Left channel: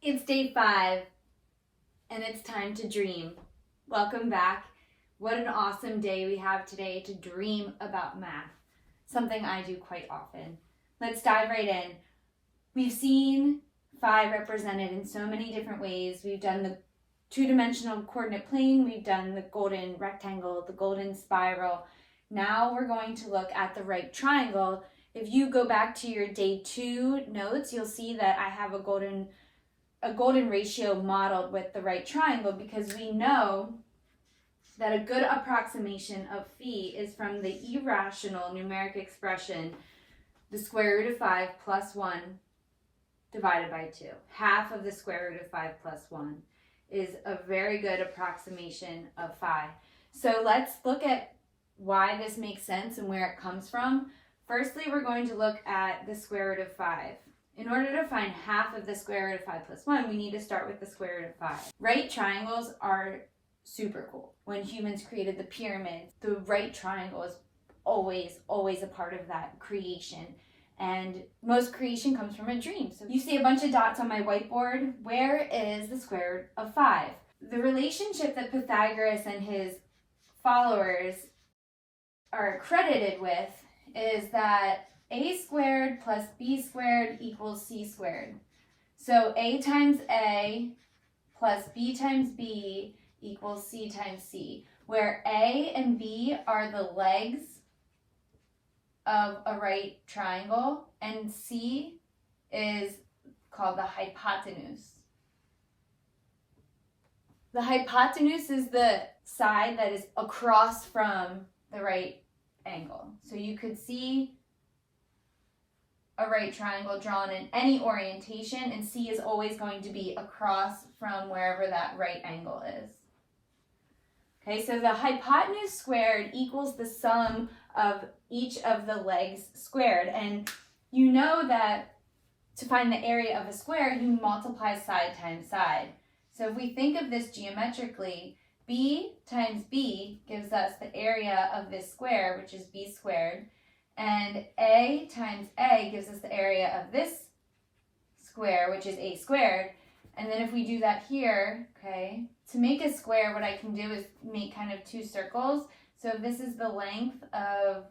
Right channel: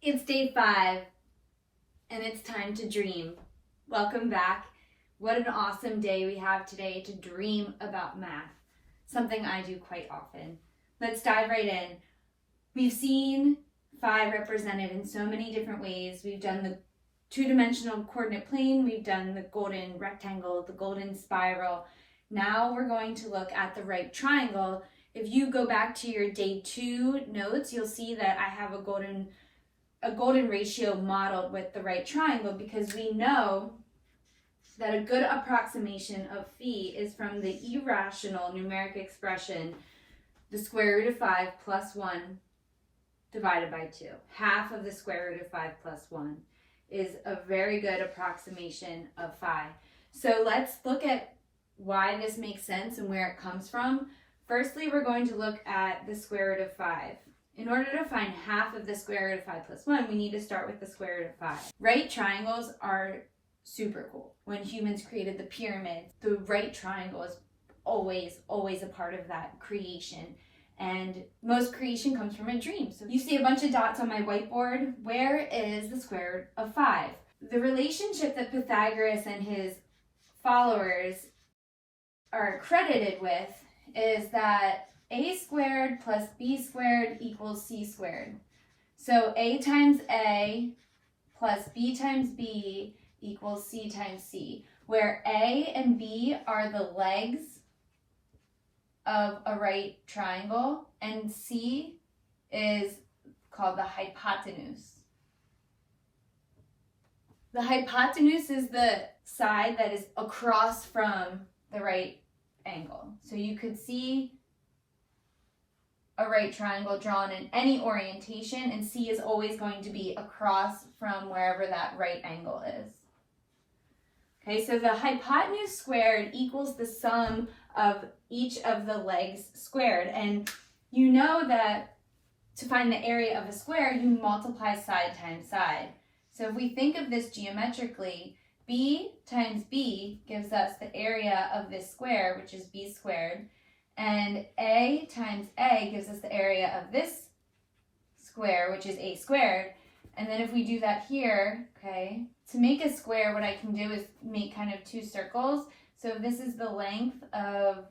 It's day 5, and it's time to dream. Welcome back. What an awesome day we have today to dream about math, something I do quite often. Let's dive right in. We've seen 5 represented in so many different ways. We've done the two-dimensional coordinate plane, we've done the golden rectangle, the golden spiral. Now we're going to look at the right triangle. If you go back to your day 2 notes, you'll see that I have a golden ratio modeled with the right triangle, because we know that a good approximation of phi is from the irrational numeric expression, the square root of 5 plus 1 divided by 2. Half of the square root of 5 plus 1 is a very good approximation of phi. So let's look at why this makes sense and where it comes from. Firstly, we're going to look at the square root of 5. In order to find half of the square root of 5 plus 1, we need to start with the square root of 5. Right triangles are super cool. When humans created the pyramids, the right triangle is always a part of that creation. And most creation comes from a dream. So you see a bunch of dots on my whiteboard. Where is the square root of 5? The relationship that Pythagoras and his followers are credited with is that a squared plus b squared equals c squared. So a times a plus b times b equals c times c, where a and b are the legs of a right triangle, and c is called the hypotenuse. The hypotenuse is the side that is across from the right angle. So you could see a right triangle drawn in any orientation, and C is always going to be across from wherever that right angle is. Okay, so the hypotenuse squared equals the sum of each of the legs squared. And you know that to find the area of a square, you multiply side times side. So if we think of this geometrically, b times b gives us the area of this square, which is b squared. And a times a gives us the area of this square, which is a squared. And then if we do that here, okay, to make a square, what I can do is make kind of 2 circles. So if this is the length of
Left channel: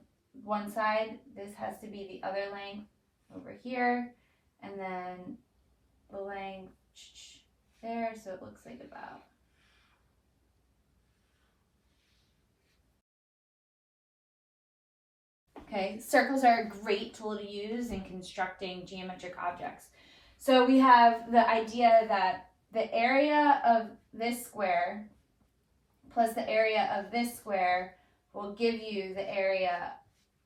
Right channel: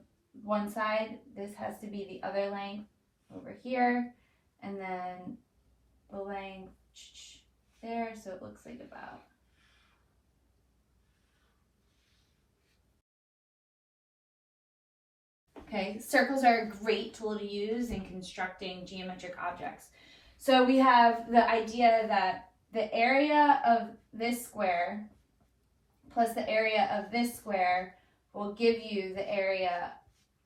one side, this has to be the other length over here. And then the length there, so it looks like about. Okay, circles are a great tool to use in constructing geometric objects. So we have the idea that the area of this square plus the area of this square will give you the area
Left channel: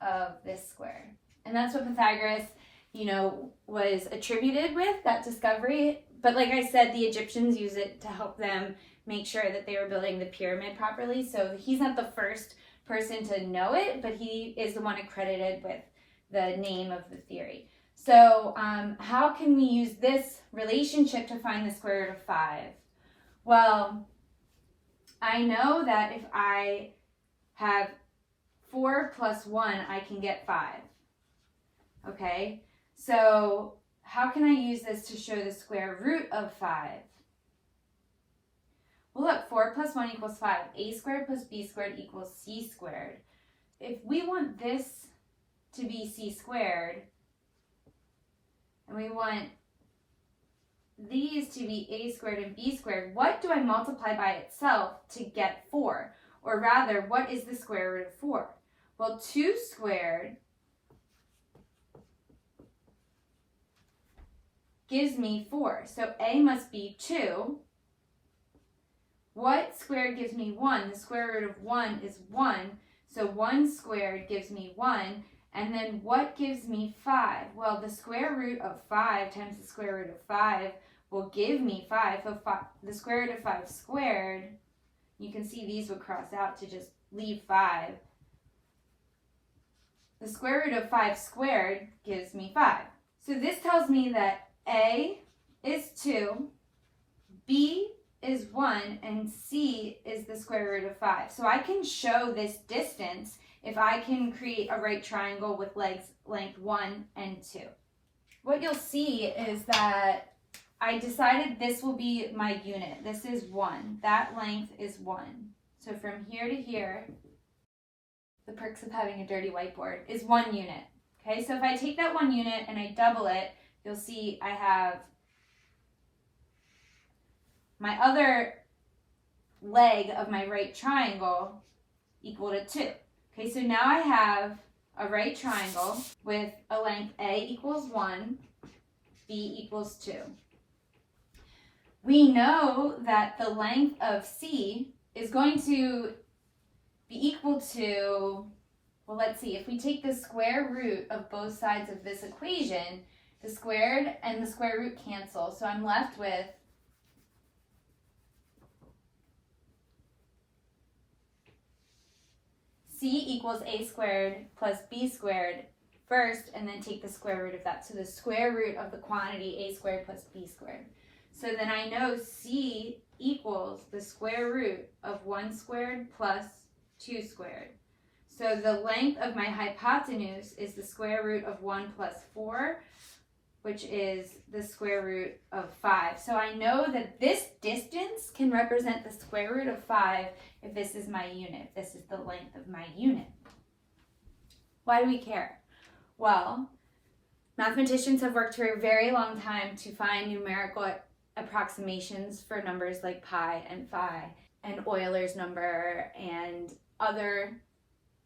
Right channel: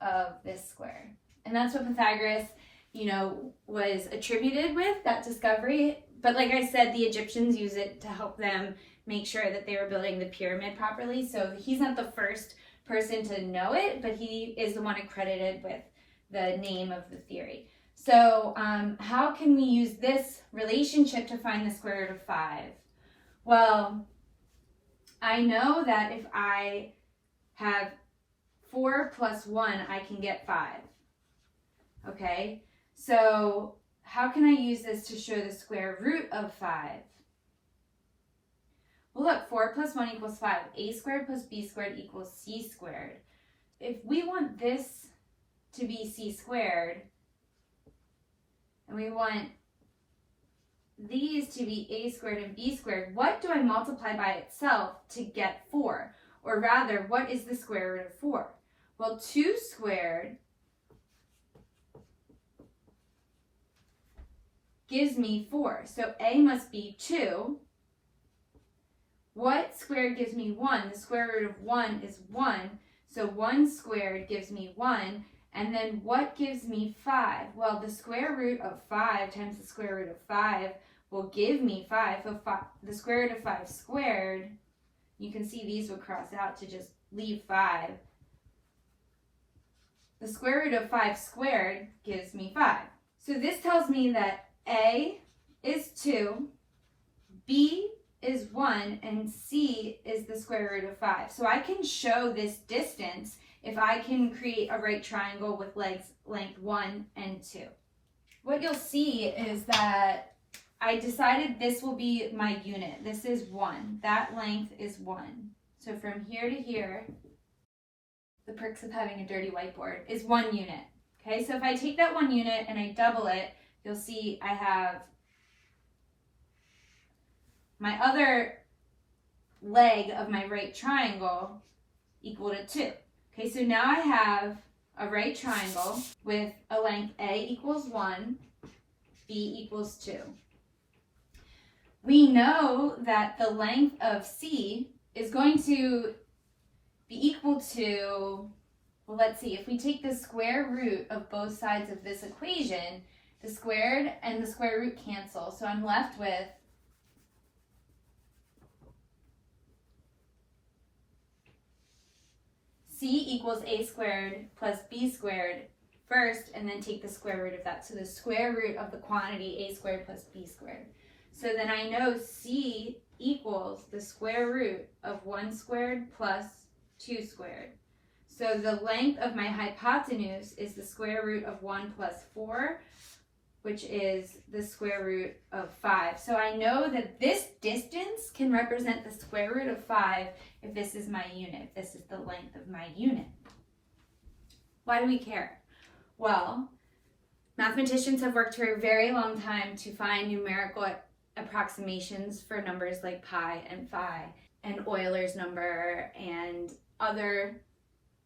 of this square. And that's what Pythagoras, was attributed with, that discovery. But like I said, the Egyptians use it to help them make sure that they were building the pyramid properly. So he's not the first person to know it, but he is the one accredited with the name of the theory. So how can we use this relationship to find the square root of 5? Well, I know that if I have 4 plus 1, I can get 5. Okay, so how can I use this to show the square root of 5? Well, look, 4 plus 1 equals 5. A squared plus b squared equals c squared. If we want this to be c squared, and we want these to be a squared and b squared, what do I multiply by itself to get 4? Or rather, what is the square root of 4? Well, 2 squared gives me 4. So a must be 2. What squared gives me 1? The square root of 1 is 1. So 1 squared gives me 1. And then what gives me 5? Well, the square root of 5 times the square root of 5 will give me 5. So the square root of 5 squared, you can see these will cross out to just leave 5. The square root of 5 squared gives me 5. So this tells me that A is 2, B is 1, and C is the square root of 5. So I can show this distance if I can create a right triangle with legs length 1 and 2. What you'll see is that I decided this will be my unit. This is 1. That length is 1. So from here to here, the perks of having a dirty whiteboard, is 1 unit. Okay, so if I take that 1 unit and I double it, you'll see I have my other leg of my right triangle equal to 2. Okay, so now I have a right triangle with a length A equals 1, B equals 2. We know that the length of C is going to be equal to, well, let's see, if we take the square root of both sides of this equation, the squared and the square root cancel. So I'm left with C equals A squared plus B squared first, and then take the square root of that. So the square root of the quantity A squared plus B squared. So then I know C equals the square root of 1 squared plus 2 squared. So the length of my hypotenuse is the square root of 1 plus 4, which is the square root of 5. So I know that this distance can represent the square root of 5 if this is my unit. This is the length of my unit. Why do we care? Well, mathematicians have worked for a very long time to find numerical approximations for numbers like pi and phi and Euler's number and other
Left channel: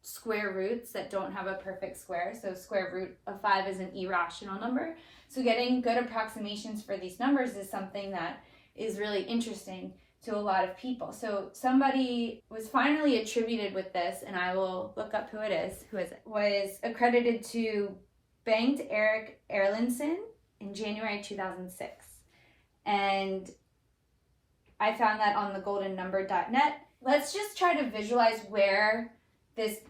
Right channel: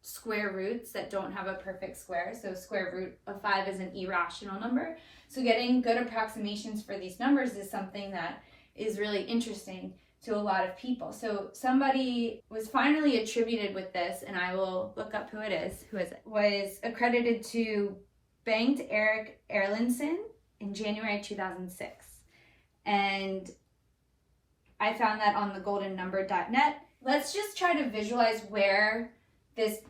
square roots that don't have a perfect square. So square root of 5 is an irrational number. So getting good approximations for these numbers is something that is really interesting to a lot of people. So somebody was finally attributed with this, and I will look up who it is. Who is it? Was accredited to Bengt Erik Erlandson in January 2006. And I found that on thegoldennumber.net. Let's just try to visualize where this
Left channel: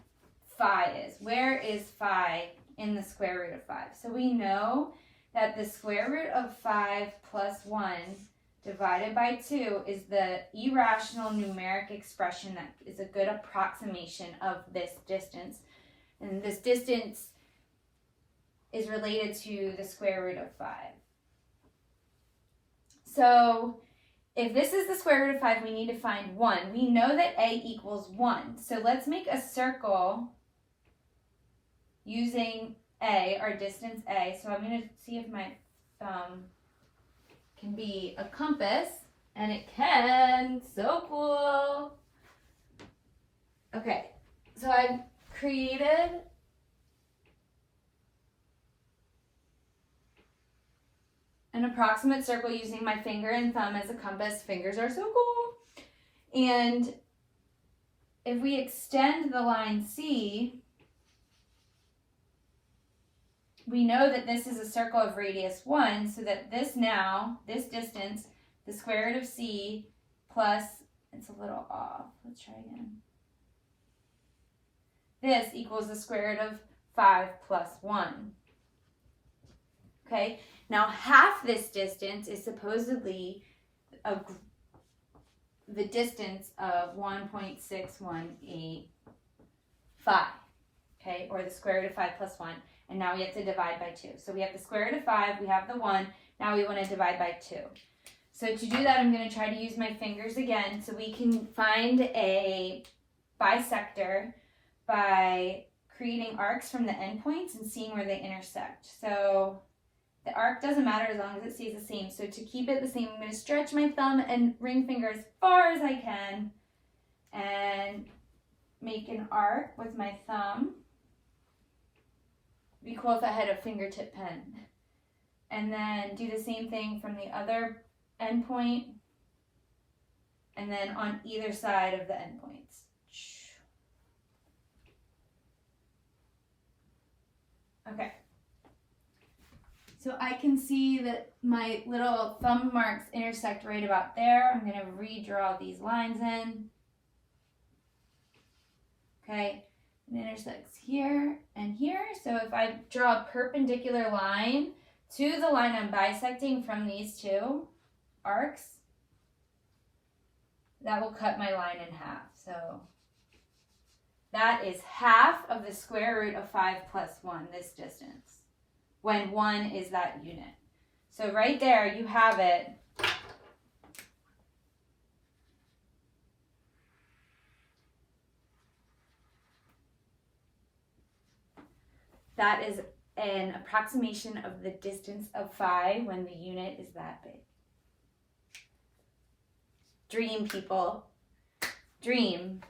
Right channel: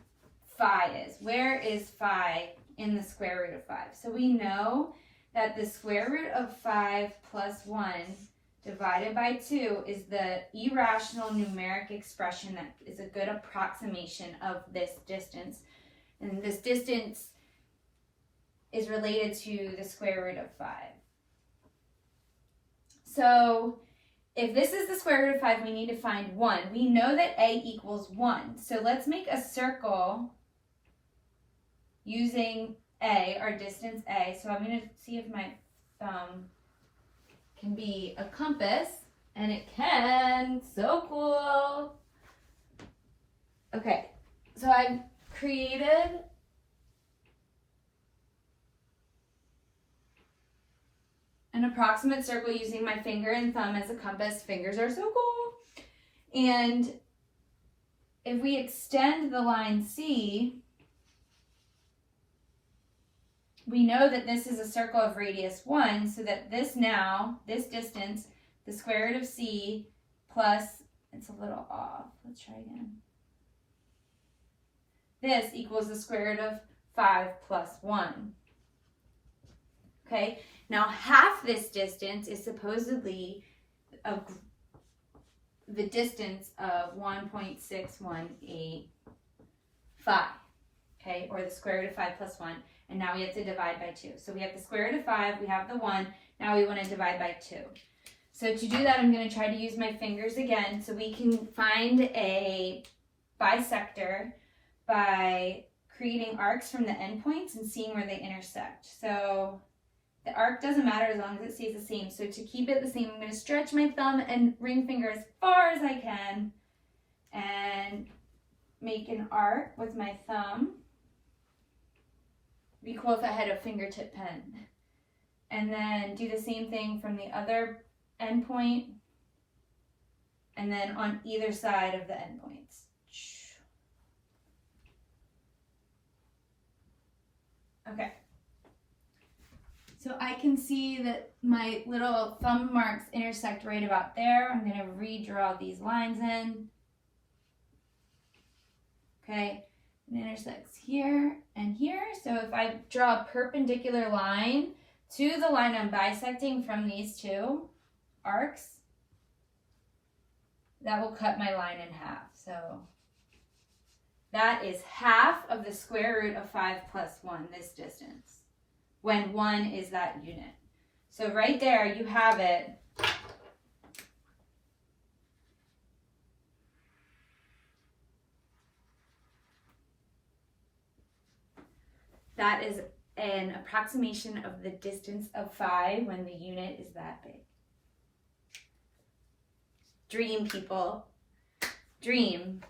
phi is. Where is phi in the square root of 5? So we know that the square root of 5 plus 1 divided by 2 is the irrational numeric expression that is a good approximation of this distance. And this distance is related to the square root of 5. So if this is the square root of 5, we need to find 1. We know that A equals 1. So let's make a circle using A, our distance A. So I'm going to see if my thumb can be a compass. And it can. So cool. Okay. So I've created an approximate circle using my finger and thumb as a compass. Fingers are so cool. And if we extend the line C, we know that this is a circle of radius 1, so that this distance, the square root of C plus, it's a little off, let's try again. This equals the square root of 5 plus 1. Okay, now half this distance is supposedly the distance of 1.6185, okay, or the square root of 5 plus 1. And now we have to divide by 2. So we have the square root of 5, we have the 1, now we want to divide by 2. So to do that, I'm going to try to use my fingers again. So we can find a bisector by creating arcs from the endpoints and seeing where they intersect. So the arc doesn't matter as long as it stays the same. So to keep it the same, I'm going to stretch my thumb and ring finger as far as I can and make an arc with my thumb. Be cool if I had a fingertip pen. And then do the same thing from the other endpoint and then on either side of the endpoints. Okay. So I can see that my little thumb marks intersect right about there. I'm going to redraw these lines in. Okay. It intersects here and here. So if I draw a perpendicular line to the line I'm bisecting from these two arcs, that will cut my line in half. So that is half of the square root of 5 plus 1, this distance, when 1 is that unit. So right there, you have it. That is an approximation of the distance of phi when the unit is that big. Dream, people. Dream.